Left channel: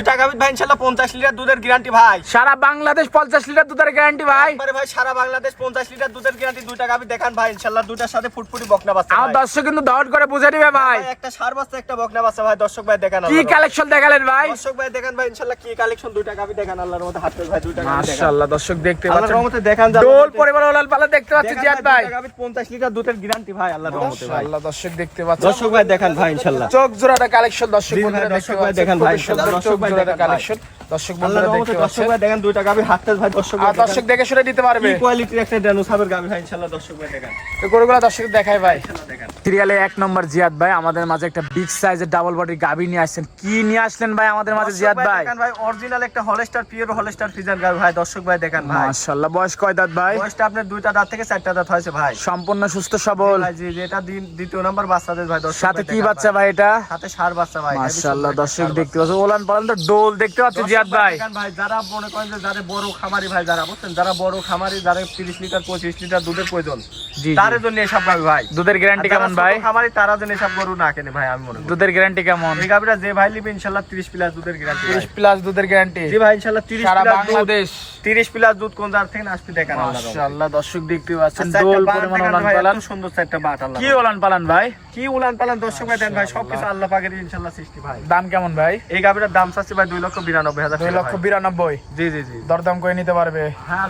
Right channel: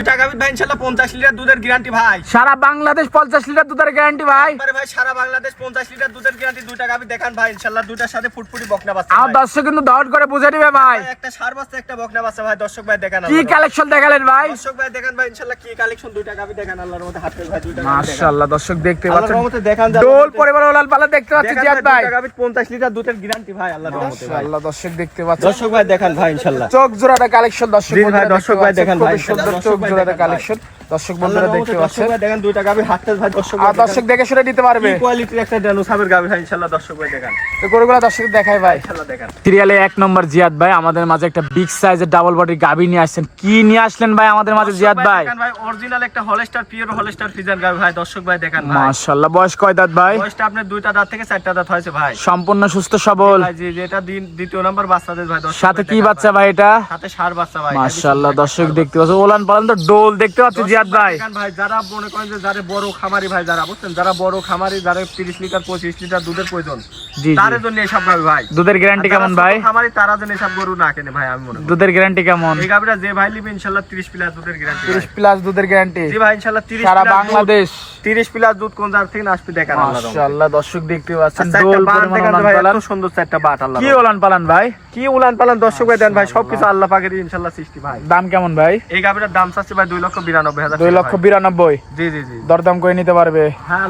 দুইটা গাভী ভাই ইনশাল্লাহ পঞ্চাশ লিটার দুধের গ্যারান্টি ভাই। সারা বাংলাদেশ পঞ্চাশ লিটার দুধের গ্যারান্টি ভাই। ভাই সারা বাংলাদেশ পঞ্চাশ লিটার দুধের গ্যারান্টি দেখান ভাই ইনশাল্লাহ দুইটার সাথে ফুটফুটি বকনা বাচ্চা আমার দর্শক কিন্তু দহট করে বুঝে নিবে ভাই। একটা সার বাচ্চা একটা বকনা বাচ্চা ভাই দর্শক ভাই দেখান কি কালেকশন দেখালেন ভাই। দর্শক ভাই দেখান ভাই ইনশাল্লাহ কি কালেকশন দেখান আল্লাহর হাত ভাই মাশাআল্লাহ দর্শক দেখতে আল্লাহর পাচ্ছেন। দেখান ডোল পরিবার ওলাল পালা দেখতে পাচ্ছি জিয়াদ ভাই। লিটার দুধের গ্যারান্টি ভাই আল্লাহর রহমতে ভাই। মাশাআল্লাহ দর্শক দেখতে পাচ্ছেন। দর্শক ভাই দেখান ভাই ইনশাল্লাহ। চোখ জোড়াটা কালেকশন দর্শক ভাই, দর্শক ভাই পাচ্ছেন, ভাই, চোখ জোড়াটা দেখেন কালেকশন দর্শক বন্ধুরা দেখতে পাচ্ছেন। দেখেন দুইটা গাভী হাঁটতে ভাই দর্শক আর দর্শক দেখে শুনে দিতে পারবে। কি কোয়ালিটির একটা ডানোসাবের গাভী ভাই ইনশাল্লাহ দর্শক ভাই দেখান। তো গরুগুলো দর্শক দেখাই ভাই। ইনশাল্লাহ দেখান। সিরিয়ালে এক নম্বর জিয়াদ ভাই আমাদের মাঝে একটা বিগ সাইজের ডাবল গাবি নিয়ে আসছেন। কি নিয়ে আসলেন ভাই আমাদের মাঝে জিয়াদ ভাই দেখেন ভাই অরিজিনাল একটা হলস্টার পিওর হলস্টার ফিজার গাভী ভাই দর্শক ভাই দেখেন ভাই। মাশাআল্লাহ বয়স কয় দাঁত ভাই? বয়সটা আপনার দুইটা দাঁত থেকে চারটা দাঁত হয়েছে ভাই। সম্পূর্ণ সুস্থ সবল। জি যেটা দিন দ্বিতীয় নাম্বার বাচ্চাদের ভাই দর্শক সাথে কি বাচ্চা ভাই। এটা। সাথে সার বাচ্চা ভাই। মাশাআল্লাহ দর্শক দেখতে পাচ্ছেন। ওলান পালান তো ডোল দেখতে পাচ্ছি জিয়াদ ভাই। ভাই যারা মনে করেন যে যারা বড় খামারি ভাই যারা বুঝছেন যারা বড় খামারি যারা তিরিশ লিটার পঁচিশ লিটার দুধের প্রয়োজন তার জন্য এসব গাভী ভাই। দুধের গ্যারান্টি কেমন ভাই? খামারি তারা যেন এসব গরু না কেনে ভাই আমি মনে করি। দুধের গ্যারান্টি কেমন? এই যে ভাই নিবে ইনশাল্লাহ তিরিশ প্লাস দুধের গ্যারান্টি 30 প্লাস দুধের গ্যারান্টি জি ভাই সারা বাংলাদেশ। তিরিশ প্লাস দুধ কোন জায়গা থেকে আসবে দেখেন মাশাআল্লাহ দর্শক দেখতে পাচ্ছেন ডোল পালান। সুন্দর চারটা বাট আল্লাহ কি ওলান পালান ভাই? কি পালান দর্শক ভাই দেন ভাই সবকিছু আল্লাহ পাকের ইনশাল্লাহ সৃষ্টি ভাই। দাম কেমন ভাই? এই গাভীটার দাম চাচ্ছে ভাই দুই লক্ষ বিরানব্বই হাজার দুই টাকা লক্ষ ভাই। বিরানব্বই? জি জি জি। দরদাম করে নিতে পারবে? হ্যাঁ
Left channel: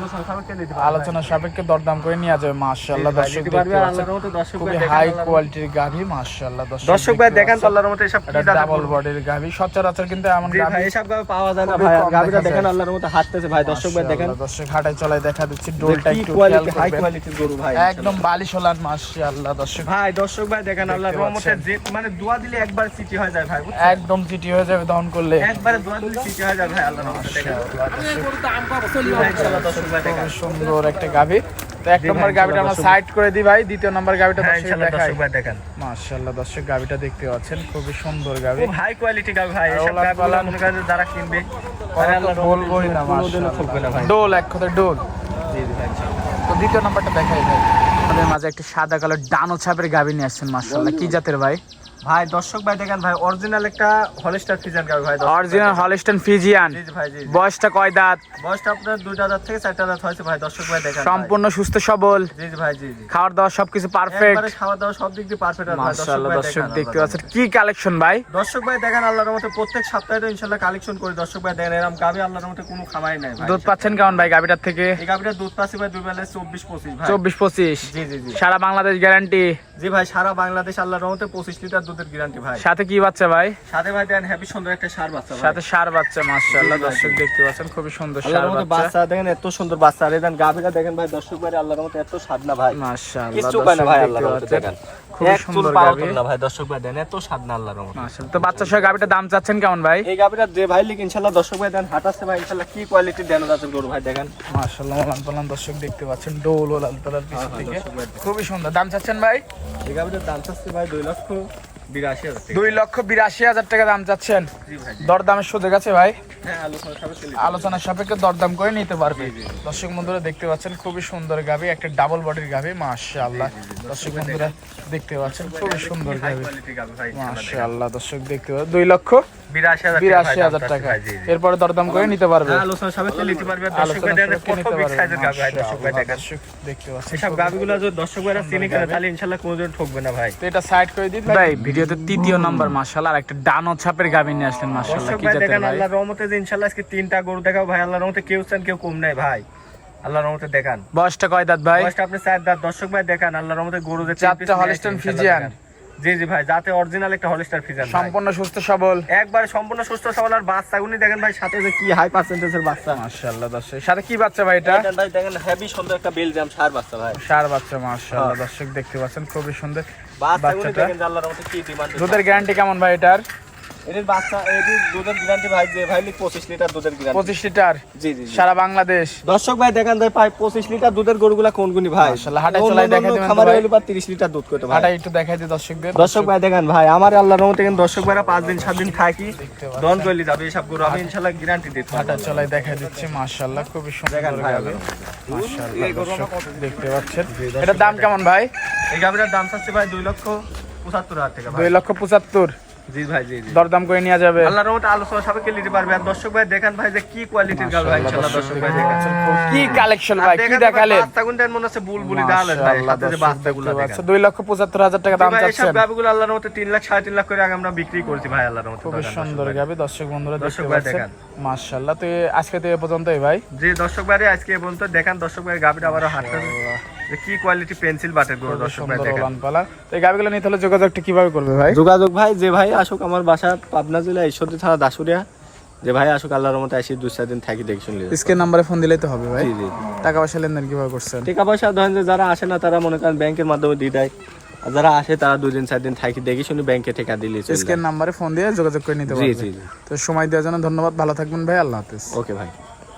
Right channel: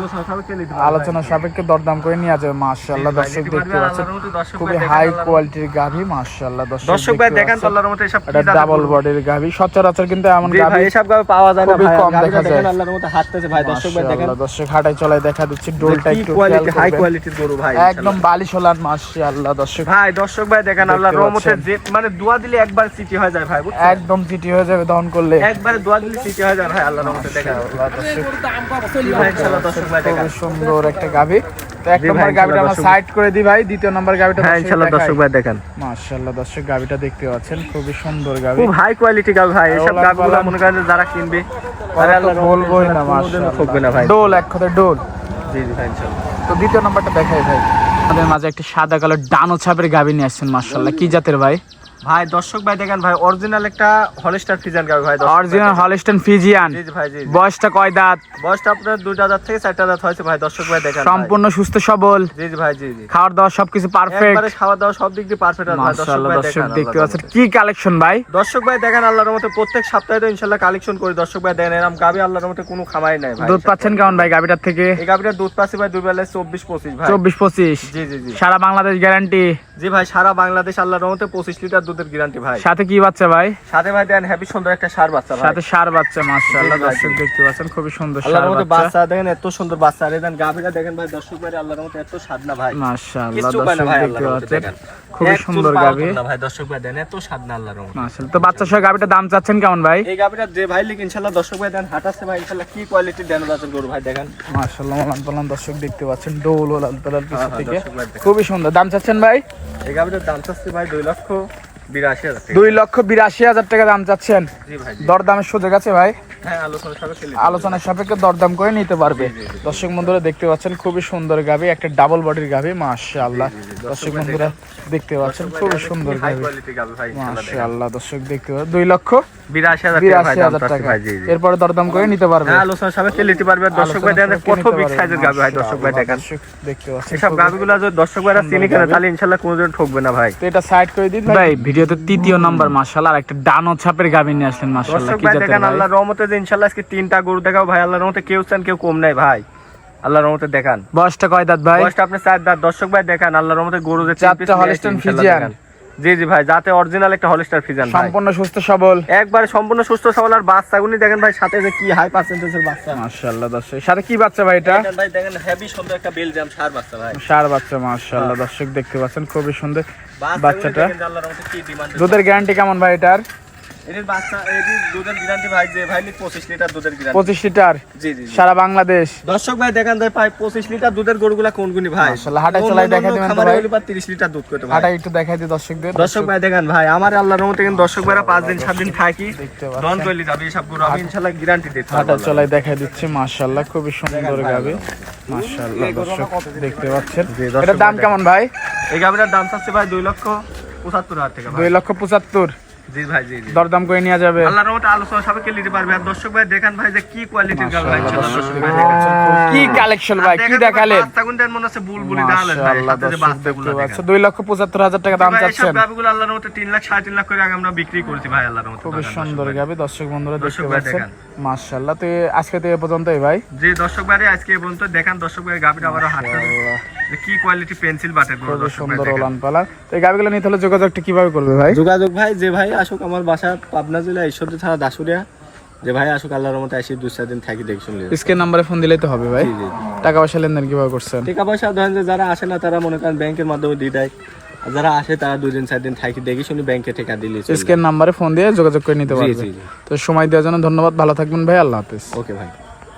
আলোচনা সাপেক্ষে দরদাম করে নিয়ে যাবে মাশাআল্লাহ। দর্শক দেখতে পাচ্ছেন খুবই হাই কোয়ালিটির গাভী মাশাআল্লাহ। দর্শক দর্শক ভাই দেখেন আল্লাহর মতো এসব কি ডাবল? বডির গাভী সচরাচর কিন্তু এমন গাভী এসব গাভী পাওয়া যায় না ভাই দেখা দেখেন আল্লাহর মতো হাঁটতেছে ভাই দর্শক ভাই দেখেন। দর্শক হাঁটায় চলায় দেখা দিচ্ছে ডোলটা একটু কোয়ালিটি হাই কোয়ালিটির গরু ভাই একদম বালিশ হলান মাশাআল্লাহ দর্শক। ভাই দর্শক ভাই দেখেন দেখতে আল্লাহর রহমতে যে মানে দোয়া দিলে একবার সিটি হয়ে যায় ভাই বুঝছেন? একদম চিটি হয়ে যাবে দহন করলে। একবার দোয়া দিলে সিটি হয়ে যায় ভাই আল্লাহর রহমতে দেখেন। ভাই, ইনশাআল্লাহ দর্শক ভাই দেখেন। সুন্দর একটা গাভী। তো এক নম্বর আমরা সাইড করে দিই ভাই দ্বিতীয় নম্বর হ্যাঁ ইনশাআল্লাহ দর্শক ভাই দেখেন। মাশাআল্লাহ দর্শক দেখতে পাচ্ছেন খুবই সুন্দর খুব হাই কোয়ালিটি ভাই এসব মনে করেন যারা কিনবে কথা তো বলবোই না না ভাই। ডোল এক কথায় ডোল। জি জি ভাই তো দ্বিতীয় নম্বরটা দেখাই ভাই। আমাদের মাঝে একটা সাদা কালো ডানো ছাপের গাভী নিয়ে আসছেন মাশাআল্লাহ। কি জাতের ভাই? ভাই দর্শক ভাই দেখেন ভাই অরিজিনাল একটা হলস্টার গাভী ভাই অরিজিনাল। ফিজিয়ান জি ভাই জি। বয়সটা কয় দাঁত? বয়সটা আপনার দুইটা দাঁত থেকে চারটা দাঁত হয়েছে ভাই দর্শক ভাই দেখেন সম্পূর্ণ সুস্থ সবল। জি জি ভাই জি জি। খাওয়ার দাওয়া সবকিছু পারফেক্ট একবারে খাওয়া দাওয়া সব দিক দিয়ে পারফেক্ট ভাই দর্শক ভাই দেখেন দেখতে পাচ্ছেন। কি কালেকশন ভাই? দর্শক ভাই দেখেন আল্লাহর মতে প্রত্যেক সপ্তাহে তো ইনশাল্লাহ কালেকশন করি। দর্শক ভাই দেখেন এরকম গাবি আল্লাহর মতে কোনো খামাই নাই ভাই। দুধ পাচ্ছেন কেমন ভাই গাভীটার থেকে? এই গাবিটার দুধ পাচ্ছি ভাই দুই বেলায় চব্বিশ পঁচিশ ভাই। চব্বিশ পঁচিশ। জি জি জি। সারা বাংলাদেশ গ্যারান্টি জি ভাই সারা বাংলাদেশ আল্লাহর রহমতে পঁচিশ লিটার দুধের গ্যারান্টি ভাই। সাথে কি বাচ্চা ভাই? সাথে ভাই দেন হ্যাপি সুন্দর একটা সার বাচ্চা ভাই। সাথে সার বাচ্চা মাশাআল্লাহ দর্শক দেখতে পাচ্ছেন খুবই সুন্দর আল্লাহর সার রহমতে বাচ্চা। বাচ্চা দেখেন এত সুন্দর বাচ্চা। আর দেন গাভিটা দেখেন ভাই দর্শক ভাই আল্লাহর রহমতে এত স্বাদ না ভাই। মাশাআল্লাহ দর্শক ভাই আল্লাহর রহমতে দেখেন। চুল সুন্দর গাভী। না ভাই দর্শক ভাই দেন এত স্বাদ না আল্লাহর রহমতে। মাশাআল্লাহ তো বাচ্চা সহ গাভীটার দাম চাচ্ছেন কেমন ভাই? এই গাভিটা যে ভাই লিখ ইনশাল্লাহ দর্শক ভাই দেন হাঁটাচ্ছে ভাই ইনশাল্লাহ কি কোয়ালিটি দেন দাঁতের গরু ভাই দেখেন। মাশাআল্লাহ মালান পালান দর্শক দেখতে পাচ্ছেন ডোল লাল পিছন হ্যাঁ, থেকে। খুবই সুন্দর দাম চাচ্ছেন ভাই? এই গাভিটার দাম চাচ্ছে ভাই দুই লক্ষ বিরাশি হাজার টাকা। দুই লক্ষ বিরাশি হাজার টাকা দাম চাচ্ছেন। দরদামের সুযোগ আছে ভাই হ্যাঁ আলোচনার সাপেক্ষে দরদাম করে নিতে পারবে। দর্শক বন্ধুরা দেখতে পাচ্ছেন খুবই সুন্দর গাভী একটা ডাবল বডির গাভী মাশাআল্লাহ দর্শক বন্ধুরা দেখতে পাচ্ছেন খুবই সুন্দর। মাশাআল্লাহ দর্শক দেখতে পাচ্ছেন। দুই লক্ষ বিরাশি হাজার টাকা এরপরে দরদাম করে নিতে পারবে। হ্যাঁ আলোচনা সবাই নিতে পারবে দর্শক ভাই আলোচনা কত বিগ সাইজের গাভি ভাই দর্শক ভাই দেখেন দেখতে পাচ্ছেন। এসব খুবই যদি দর্শক ভাইরা চিনি কেনে তাহলে ইনশাল্লাহ কোনোদিন ঠকবে না ভাই। তো এটা সাইড করে দিন ভাই। ভিডিওতে তৃতীয় নাম্বার মাশাআল্লাহ আর একটা ডানো ছাপের গাভী নিয়ে আসলেন মাশাআল্লাহ দর্শক কি জাতের দেখেন ভাই? আল্লাহর রহমতে যে আজকে তিনটা গরু দেখাও ভাই আল্লাহর রহমতে কেউ চান কেউ কম নাই ভাই। আল্লাহর রহমতে দেখান। বয়সটা কয় দাঁত ভাই? বয়সটা আপনি চার দাঁত দর্শক ভাই দেখান আল্লাহর রহমতে গরু যে চারটা ফ্রিজিয়ান। দেখান। জি জি ভাই যাতে অরিজিনাল একটা হলিস্টার ফিজান সম্পূর্ণ সুস্থ সবল। একবারে সম্পূর্ণ সুস্থ সবল আর বাচ্চাগুনি দেখেন ভাই সাথে যে কি হাই পার্সেন্টেজের বাচ্চা। মাশাআল্লাহ দর্শক। সাথে কি বাচ্চা ভাই এটা? ভাই দেখেন হেভি সুন্দর একটা বেলজিয়াম সার বাচ্চা ভাই। সার বাচ্চা মাশাআল্লাহ দর্শক দেখতে পাচ্ছেন খুবই সুন্দর বাচ্চাটা। দুধের গ্যারান্টি কেমন ভাই এটার? এটির বাচ্চা এটির দুধের গ্যারান্টি ভাই যে ভাই পঁচিশ লিটার দুধের গ্যারান্টি পঁচিশ লিটার? জি জি জি। সারা বাংলাদেশ? দর্শক ভাই দেখেন ভাই প্রায় পঁচিশ লিটার দুধের গরুগুলা কোনগুনি ভাই? মাশাআল্লাহ, দেখাই দিবেন খামারে লিটার দুধ করতে ভাই। হাঁটা একটু দেখাই দিই দর্শকদের। দর্শক ভাই দেখেন ভাই আমার আল্লাহর রহমতে কিন্তু দর্শক ভাইরা পাঁচ দিন দিন থাকি দেখতে দন করলি যাবে এসব গরু আমি ইনশাল্লাহ গ্যারান্টি দিতে হাঁটা চলাই দেখাই দিচ্ছি মাশাআল্লাহ খুবই সুন্দর গাবে। মাশাআল্লাহ দেখতে পাচ্ছেন। এটার দাম কেমন ভাই? এই গাভিটার দাম চাচ্ছে ভাই দুই লক্ষ পঁচাত্তর হাজার টাকা লক্ষ পঁচাত্তর। জি ভাই জি জি। দরদাম করে নেওয়া যাবে। আল্লাহর রহমতে আলোচনা সবাইকে নিতে পারবে। আর দর্শক ভাই দেখেন ভাই যে কি কোয়ালিটির ভাই খুব- কালেকশন ভাই কি মনে বুলবুলি লক্ষ পঁচাত্তর হাজার টাকা দাম চাচ্ছেন। গাবিগুলো আল্লাহর লাখ করে আগে আমরা বিক্রি করছি ভাই আল্লাহর খুবই সুন্দর গাবি দর্শক বন্ধুরা দেখতে দর্শক পাচ্ছেন। মাশাআল্লাহ তো আজকে তো এ পর্যন্তই ভাই। যে দর্শক ভাই আজকে এই পর্যন্ত দেখান দর্শক ভাই গাবিটা আবারও হাতে যে কি কোয়ালিটি পেন্সিল বাটেরগুলো খুবই দর্শক ভাই সুন্দর ওলান পালা তো এই গাবিগুলো নিতে হলে যোগাযোগটা কীভাবে করবে ভাই? যোগাযোগ ভাই যে ভাই আসুক আমার বাসা পাবনা জেলা ঈশ্বরদী থানা দাসুরিয়া যে ভাই আসুক আল্লাহর মতো আসি দুই চার দিন থাকি দেখি শুনলি। স্ক্রিন নাম্বারে ফোন দিলেই তো হবে ভাই। জি জি জি। টাকা পয়সা লেনদেন কীভাবে করছেন? টাকা পয়সা ধরেন যে যারা আসে না তারা মনে করেন ব্যাংকের মাধ্যমে দিয়ে দেয়। আর যারা আসে তারা দুই দিন চার দিন থাকি দেখি শুনি ব্যাংকে টাকা দিলে স্ক্রিন নাম্বারে ফোন দিয়ে যোগাযোগ করে নিতে পারবে। জি জি। তো সময় দেওয়ার জন্য ধন্যবাদ। ভালো থাকবেন ভাই। আল্লাহ হাফেজ। ওকে ভাই।